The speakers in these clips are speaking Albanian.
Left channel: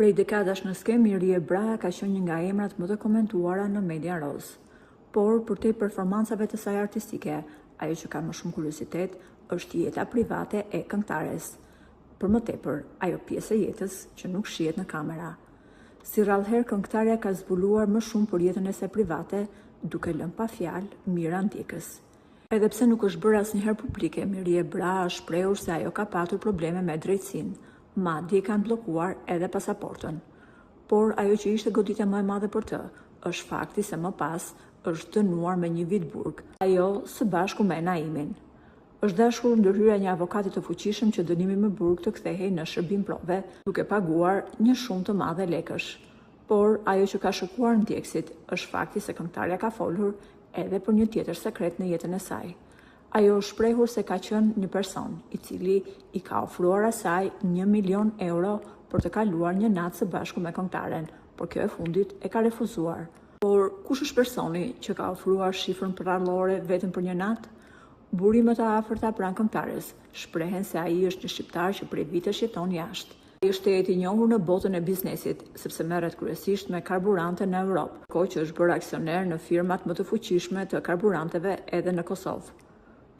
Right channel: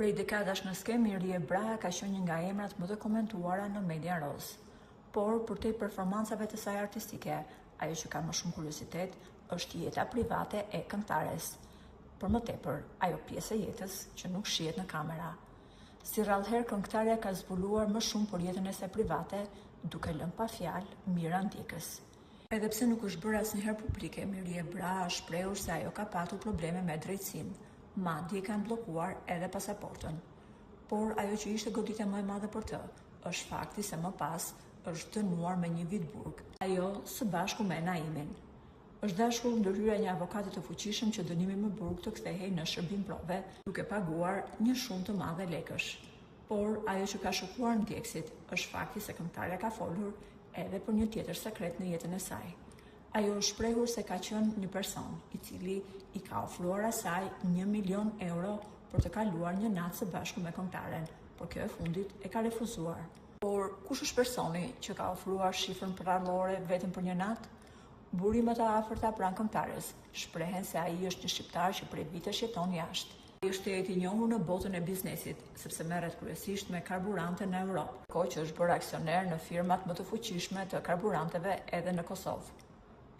Prej dekadash në skem, Mirie Braha ka qenë një nga emrat më të komentuara në media roz. Por, për te performancave të saj artistike, ajo që ka më shumë kuriozitet është jeta private e këngëtares. Për më tepër, ajo pjesë e jetës që nuk shihet në kamera. Si rrallëherë, këngëtarja ka zbuluar më shumë për jetën e saj private, duke lënë pa fjalë mira ndjekës. Edhe pse nuk është bërë asnjëherë publike, Mirie Braha është shprehur se ajo ka patur probleme me drejtësinë, madje kanë bllokuar edhe pasaportën. Por ajo që ishte goditja më e madhe për të, është fakti se më pas është dënuar me 1 vit burg, ajo së bashku me Naimin. Është dashur ndërhyrja e një avokati të fuqishëm që dënimi me burg të kthehej në shërbim prove, duke paguar një shumë të madhe lekësh. Por ajo që ka shokuar ndjekësit është fakti se këngëtarja ka folur edhe për një tjetër sekret në jetën e saj. Ajo është shprehur se ka qenë një person i cili i ka ofruar asaj 1 milion euro për të kaluar një natë së bashku me këngëtaren, por kjo e fundit e ka refuzuar. Por kush është personi që ka ofruar shifrën prallore vetëm për një natë? Burimet e afërta pranë këngëtares shprehen se ai është një shqiptar që prej vitesh jeton jashtë. Ai është i njohur në botën e biznesit, sepse merret kryesisht me karburante në Europë, kohë që është bërë aksioner në firmat më të fuqishme të karburanteve edhe në Kosovë.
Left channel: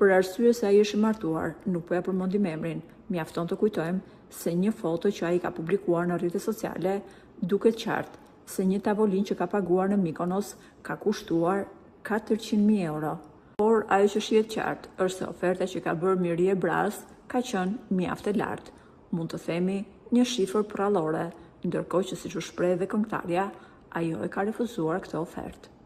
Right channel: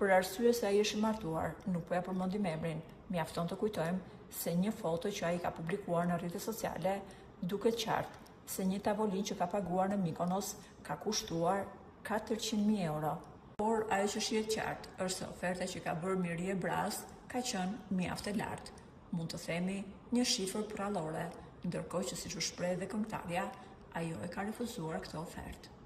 Për arsye se ai është i martuar, nuk po ja përmendim emrin, mjafton të kujtojmë se një foto që ai ka publikuar në rrjetet sociale duket qartë se një tavolinë që ka paguar në Mykonos ka kushtuar 400.000 euro. Por ajo që shihet qartë është se oferta që ka bërë Mirie Brahas ka qenë mjaft e lartë. Mund të themi një shifër prallore, ndërkohë që siç u shpreh dhe këngëtarja, ajo e ka refuzuar këtë ofertë.